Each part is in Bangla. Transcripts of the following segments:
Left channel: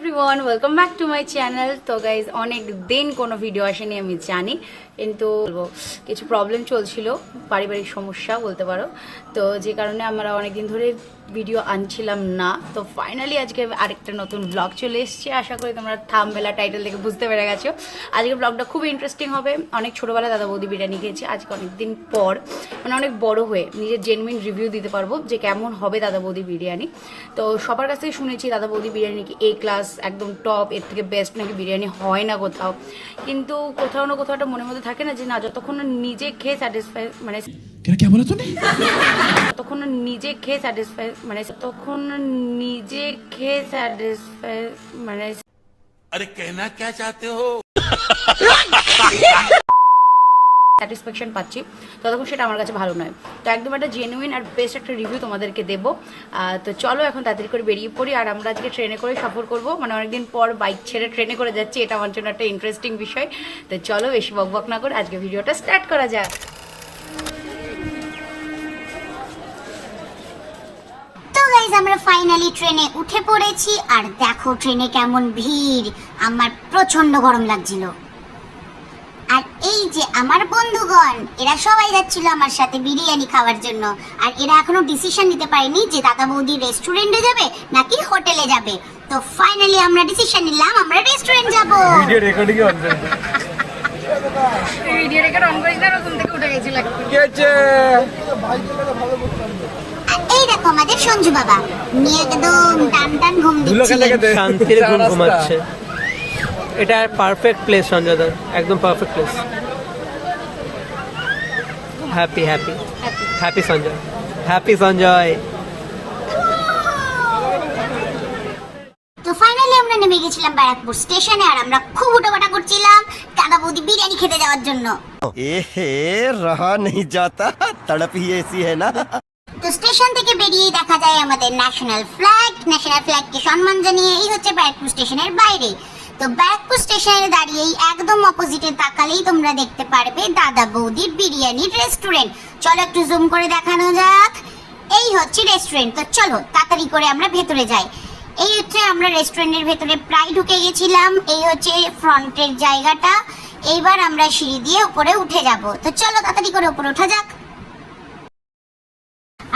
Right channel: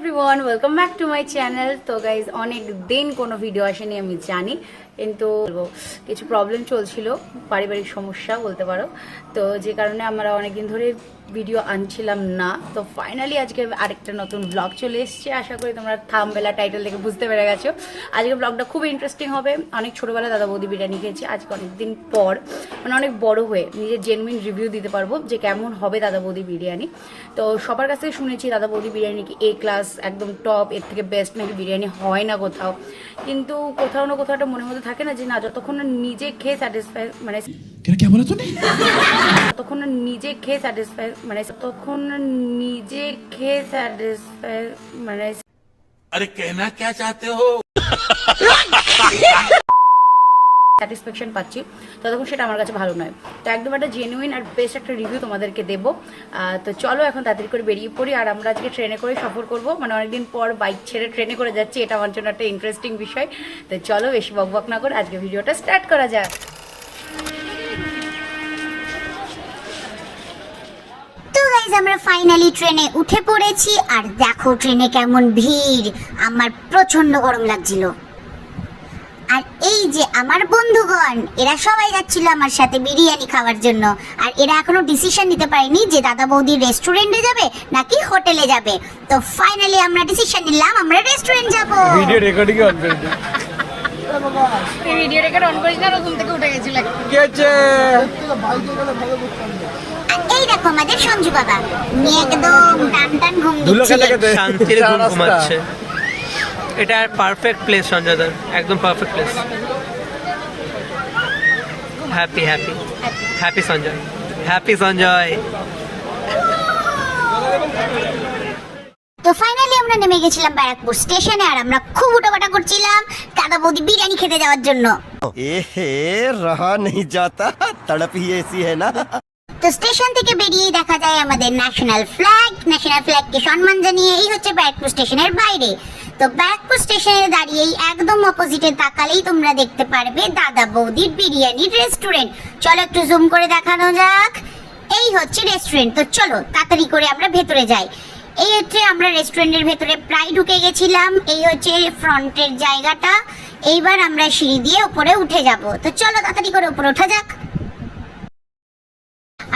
Everyone, welcome back to my channel. তো গাইজ অনেক দিন কোনো ভিডিও আসেনি আমি জানি, কিন্তু কিছু প্রবলেম চলছিল, পারিবারিক সমস্যা বলতে পারো। তো যে কারণে আমরা অনেকদিন ধরে ভিডিও আনছিলাম না। তো ফাইনালি আজকে আরেকটা নতুন ব্লগ চলে এসছে। আশা করি তোমরা থাম্বনেল টাইটেল দেখে বুঝতে পেরে গেছো। আজকে ব্লগটা খুব ইন্টারেস্টিং হবে। অনেক ছোটোবেলায় দাদা বৌদি বিরিয়ানি খেয়েছি, আজকে অনেকদিন পর মানে অনেক বড় হয়ে নিজের জেনুইন রিভিউ দিতে পারবো যে কেমন হবে দাদা বৌদি বিরিয়ানি। তো সবার কাছ থেকে শুনেছি দাদা বৌদি বিরিয়ানি কি এ ক্লাস, একদম টপ, এর থেকে বেস্ট নাকি বিরিয়ানি হয় না কোথাও। কিন্তু কোথাও না কোথাও একটা মনের মধ্যে থাকে না যে না, যতক্ষণ না নিজে খেয়ে স্যাটিসফাই মানে ততক্ষণ না নিজে খেয়ে স্যাটিসফাই মানে ততক্ষণ না নিজে খেয়ে স্যাটিসফাই মানে अरे कहना क्या चाहते हो স্যাটিসফ্যাকশন পাচ্ছি, ততক্ষণ সেটা আমার কাছে ভালো নয়। তো একদম একটা জেনুইন আর বেস্ট একটা রিভিউ তোমাদেরকে দেবো। তো চলো এখন তাড়াতাড়ি করে বেরিয়ে পড়ি। আর আমরা আজকে ট্রেনে করে সফর করব, মানে অনেকদিন পর বাইক ছেড়ে ট্রেনে করে যাচ্ছি, এটা আমার জন্য একটা ইন্টারেস্টিং বিষয়। তো চলো বেশি বকবক না করে আজকে ভিডিওটা স্টার্ট করা যাক। তো গাইজ আমরা ফাইনালি ট্রেনে উঠে পড়েছি। আর দেখো ট্রেনে কেমন ভিড়, আমার প্রচন্ড গরম লাগছিল। আর এই যে আমার বন্ধুগণ, এরা সবাই যাচ্ছিল আমার সাথে বিরিয়ানি খাওয়ার জন্য। আর এরা এখনো ডিসিশন নিতে পারেনি যে দাদা বৌদি রেস্টুরেন্টে যাবে নাকি হোটেলে যাবে। তো ফাইনালি আমরা ডিসিশন নিলাম আমরা রেস্টুরেন্ট যাব। ভিডিও রেকর্ডিং অন করে তুই ভিডিও রেকর্ড অন করিস না, রকম থেকে উঠে গেছিল। কি হচ্ছে? আর এই দেখো আমাদের সঞ্জু বাবা, উনি একদম টান টান ঘুম দিচ্ছিলেন। শান্তির ঘুম ঘুমাচ্ছে। এটা পারফেক্ট প্লেস সঞ্জয় দার, একদম perfect place. Happy happy happy Sanjay, happy Sanjay. তো ফাইনালি আমরা নেমে গেছিলাম ব্যারাকপুর স্টেশনে। আর আমরা খুব উটোপাটা করছিলাম দাদা বৌদি বিরিয়ানি খেতে যাওয়ার জন্য। रहा नहीं जाता, तड़प ही ऐसी है ना। তো স্টেশন থেকে বেরিয়েই দেখা যায় আমাদের ন্যাশনাল ফ্ল্যাগকে সম্মান জানিয়ে এই হচ্ছে ব্যারাকপুর স্টেশনের বাইরে। তো ব্যারাকপুর স্টেশনে দাঁড়িয়েই একদম অপোজিটে তাকালেই তোমরা দেখতে পারবে দাদা বৌদির বিরিয়ানির রেস্টুরেন্ট। চলো একটু জুম করে দেখানো যাক। এই হচ্ছে রেস্টুরেন্ট। তো চলো তাড়াতাড়ি করে আমরা ভেতরে যাই। এই হচ্ছে আমরা রেস্টুরেন্টের ভেতরে প্রায় ঢুকে গেছিলাম। এই হচ্ছে ফ্রন্টের জায়গাটা। এইবার আমরা সিঁড়ি দিয়ে উপরে উঠে যাব। তো চলো তাড়াতাড়ি করে উপরে ওঠা যাক।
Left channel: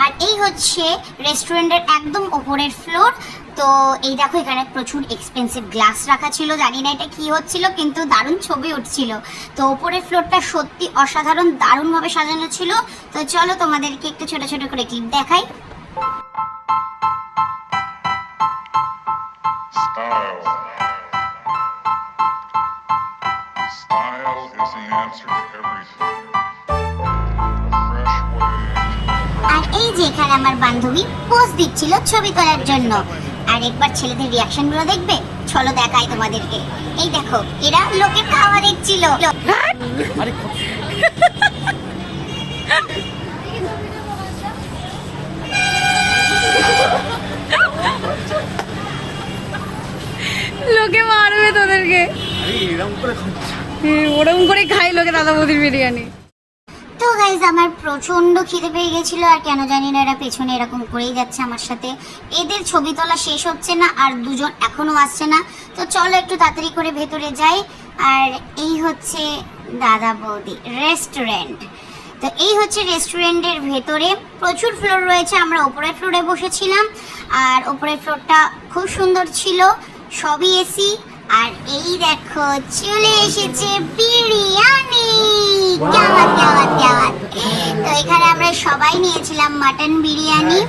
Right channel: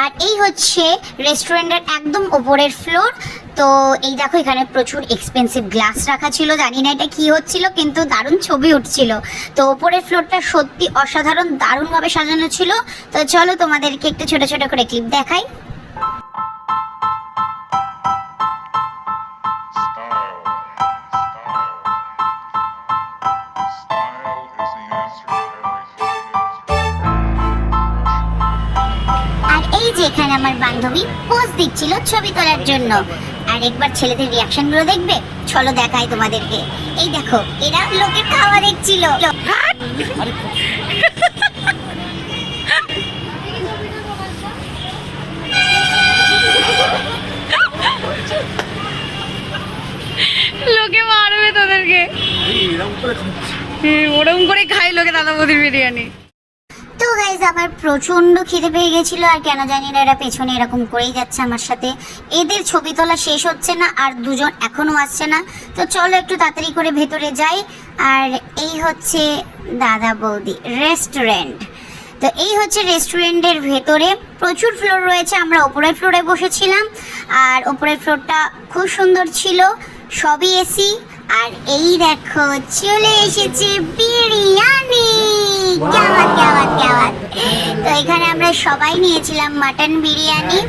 আর এই হচ্ছে রেস্টুরেন্টের একদম ওপরের ফ্লোর। তো এই দেখো এখানে প্রচুর এক্সপেন্সিভ গ্লাস রাখা ছিল, জানি না এটা কি হচ্ছিল, কিন্তু দারুণ ছবি উঠছিল। তো ওপরের ফ্লোরটা সত্যি অসাধারণ, দারুণভাবে সাজানো ছিল। তো চলো তোমাদেরকে একটু ছোট ছোট করে ক্লিপ দেখাই। Style is the answer to everything. Fresh way. আর এই যে এখানে আমার বান্ধবী পোজ দিচ্ছিল ছবি তোলার জন্য। আর একবার ছেলেদের রিয়াকশন গুলো দেখবে, চলো দেখাই তোমাদেরকে। এই দেখো এরা লোকের খাওয়া দেখছিল। লোকে মারবে তোদেরকে, ওরকম করে খাই লোকে দাদা বৌদির বিরিয়ানি। তো গাইজ আমার প্রচন্ড খিদে পেয়ে গেছিল। আর কেন জানি না এরা পেছনে এরকম করেই যাচ্ছে আমার সাথে। এদের ছবি তোলা শেষ হচ্ছে না, আর দুজন এখনো আসছে না। তো চলো একটু তাড়াতাড়ি করে ভেতরে যাই। আর এই হচ্ছে দাদা বৌদি রেস্টুরেন্ট। তো এই হচ্ছে রেস্টুরেন্টের ভেতরে প্রচুর ফ্লোর রয়েছে। আমরা ওপরের ফ্লোরে বসেছিলাম। আর ওপরের ফ্লোরটা খুব সুন্দর ছিল, সবই এসি। আর এই দেখো চলে এসেছে বিরিয়ানি। তো এখানে আমরা সবাই নিয়েছিলাম মাটন বিরিয়ানি।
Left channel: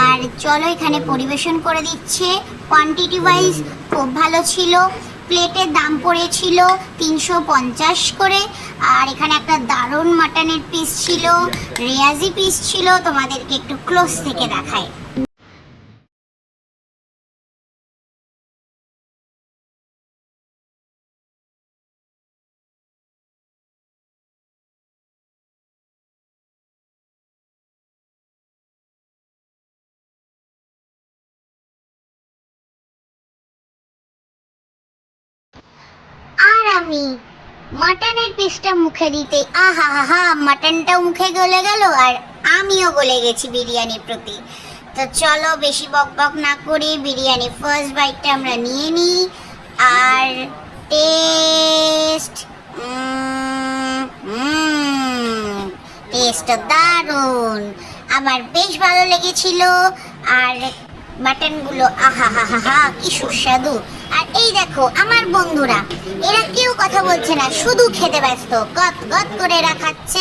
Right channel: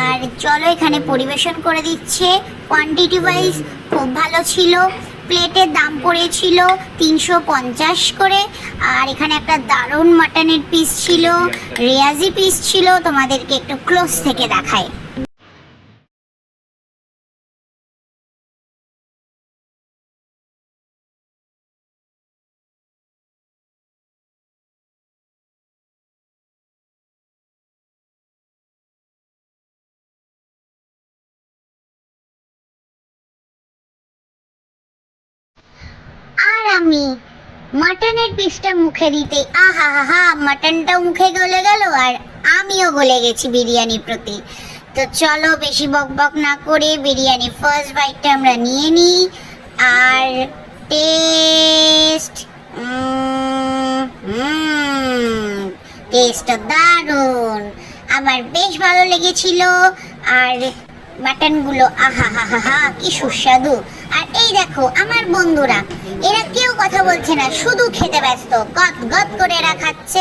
আর চলো এখানে পরিবেশন করে দিচ্ছে। কোয়ান্টিটি ওয়াইজ খুব ভালো ছিল। প্লেটের দাম পড়েছিল 350 করে। আর এখানে একটা দারুণ মাটনের পিস ছিল, রিয়াজি পিস ছিল। তোমাদেরকে একটু ক্লোজ থেকে দেখাই। আর আমি মাটনের পিসটা মুখে দিতে আহা হা, মাটনটাও মুখে গলে গেল আর আমিও গলে গেছি বিরিয়ানির প্রতি। তো চলো বেশি বকবক না করে বিরিয়ানি ফার্স্ট বাইটটা আমরা নিয়ে নিই। আর টেস্ট দারুণ, আমার বেশ ভালো লেগেছিল। আর মাটনগুলো আহা হা হা হা কি সুস্বাদু। আর এই দেখো আমার বন্ধুরা, এরা কেউ কথা বলছে না, শুধু খেতে ব্যস্ত, গদ গদ করে এরা খাচ্ছে।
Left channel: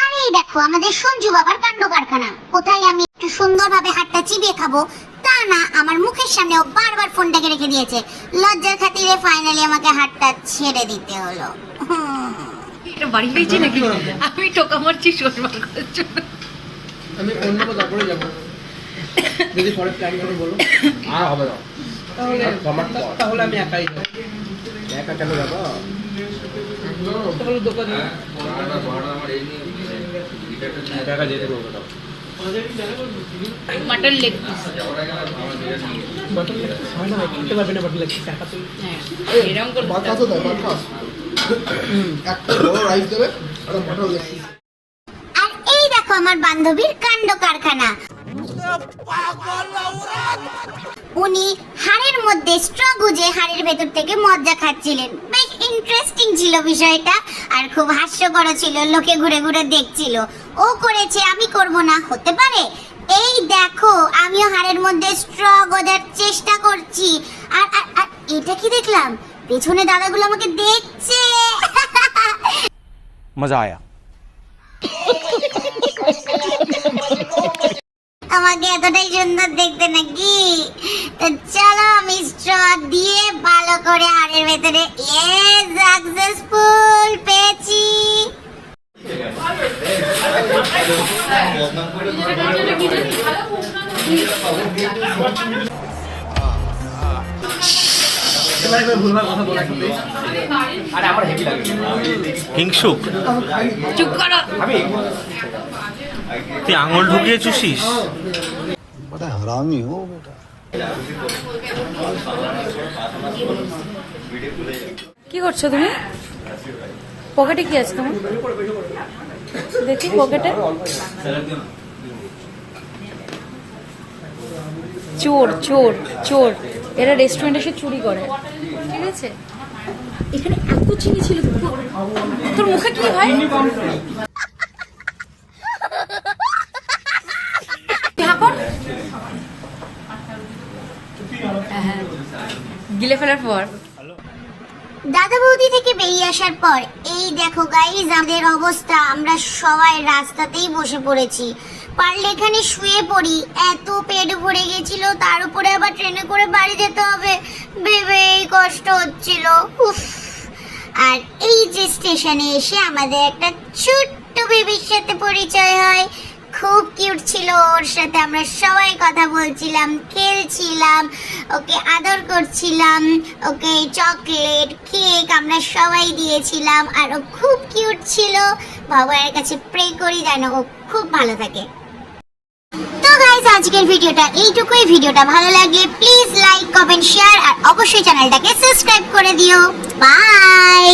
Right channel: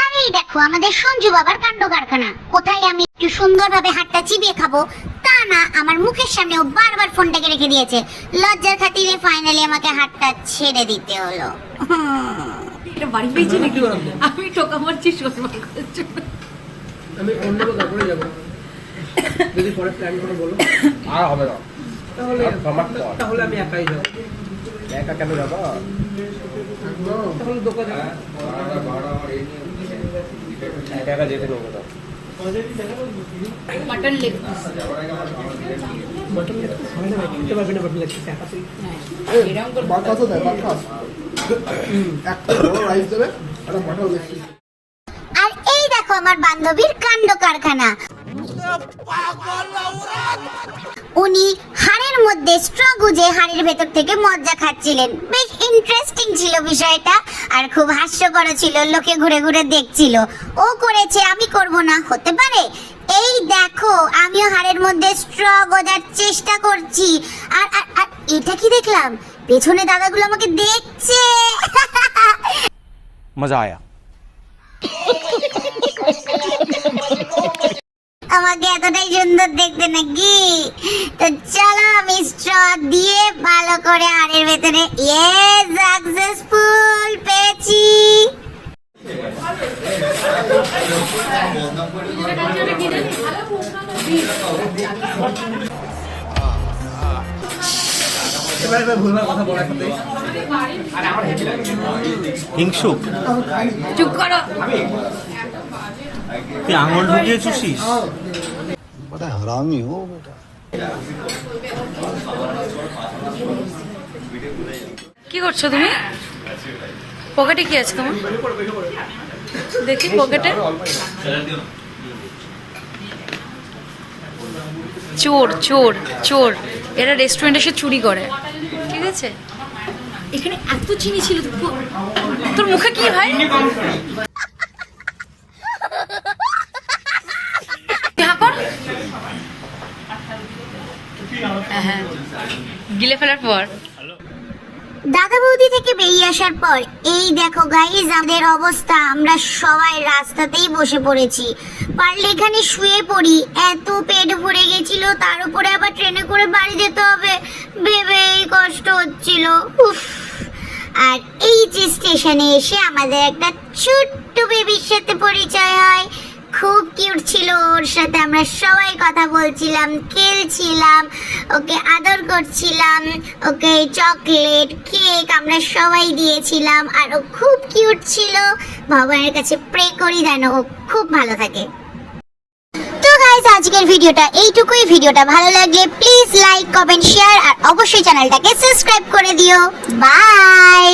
আর এই দেখো আমাদের সঞ্জু বাবার কাণ্ড কারখানা। কোথায় আমি একটু সুন্দরভাবে হাতটা চিবিয়ে খাবো তা না, আমার মুখের সামনে ও বারবার ফোনটাকে রেখে দিয়েছে। লজ্জার খাতিরে ফাইনালি আমাকে হাতটা ছেড়ে দিতে হলো। এটা বাড়ি পেয়েছি নাকি? আমি টোকা মারছি শোরবার করার জন্য। আমি অন্য তারপরে যাবো, যদি পরে প্ল্যান করে বলো। আর হবে না, তাহলে আমি একাই যাবো। একা কেন যাবো? তাহলে দোকানে একা যেতে পারবো না। মাটন লেগ খেতে পারবে না, বাকি লাগছে টাকা তুই। হ্যাঁ এরকম করে আর এই দেখো আমার বান্ধবীর কাণ্ড কারখানা। উনি হাড়ের মধ্যে স্ট্র গুজে হাড়ের ভেতর থেকে মজ্জা খাচ্ছিলেন। বেশ ইন্টারেস্টিং ছিল বিষয়টা, আর খুব হাস্যকর ছিল। লোকে ঘুরে ঘুরে দেখছিল। ও করেছে, আমি করব না, হতে পারে? এই দেখো আমিও হাড়ের মধ্যে স্ট্র গজার চেষ্টা করছি। আর আর আর এটা কি দেখলাম, পেছনে দাদাগুলো আমাকে দেখছে। मजा आया। আমাকে এতটাই সুন্দর দেখতে নাকি? তো চলো আমি স্ট্র দিয়ে ভালো করে হাড়ের ভেতরে, ইয়েস সাকসেসফুল, পেয়েছি। হিংসুক, চুপ করো। তুই আঙুল ঢুকিয়ে চুষিস। बड़ा हरामी हो बेटा। কি করছো তুমি? পকেটে কি আছে তোমার? দেখি পকেটে। চোর চোর চোর, এরা রেস্টুরেন্টে এসে চুরি করে, ঠিক আছে? এখানে এত চিনি ছিল, তোর মুখে কি ভাই? হ্যাঁ, গিলে ফেলার পর দাদা বৌদি থেকে বেরিয়ে আসার পর এই দেখো গাইজ আমাদের অবস্থা। আমরা সবাই রাস্তাতেই বসে পড়েছি। পারলে এখানে শুয়ে পড়ি, এত পেট ভরে গেছিল। তার উপরে আবার ট্রেনে করে বাড়ি যেতে হবে, ভেবেই কষ্ট হচ্ছিল। উফ। আর এই যে স্টেশনে এসে আমাদের একটা ছোট্ট বেবির সাথে পরিচয় হয়। খুব কিউট ছিল, ওর সাথে আমরা সবাই কথা বলছিলাম, খেলছিলাম, ওকে আদর করছিলাম, ওকে চকলেট কেক আমরা সবাই দিয়েছিলাম। আর ও খুব কিউট ছিল। ভগবানের কাছে প্রে করি যেন ও খুব ভালো থাকে। তো গাইস আজকের ভিডিওটা এইটুকুই। ভিডিওটা ভালো লাগলে প্লিজ লাইক কমেন্ট শেয়ার আর অবশ্যই চ্যানেলটাকে সাবস্ক্রাইব করে দিও। বাই।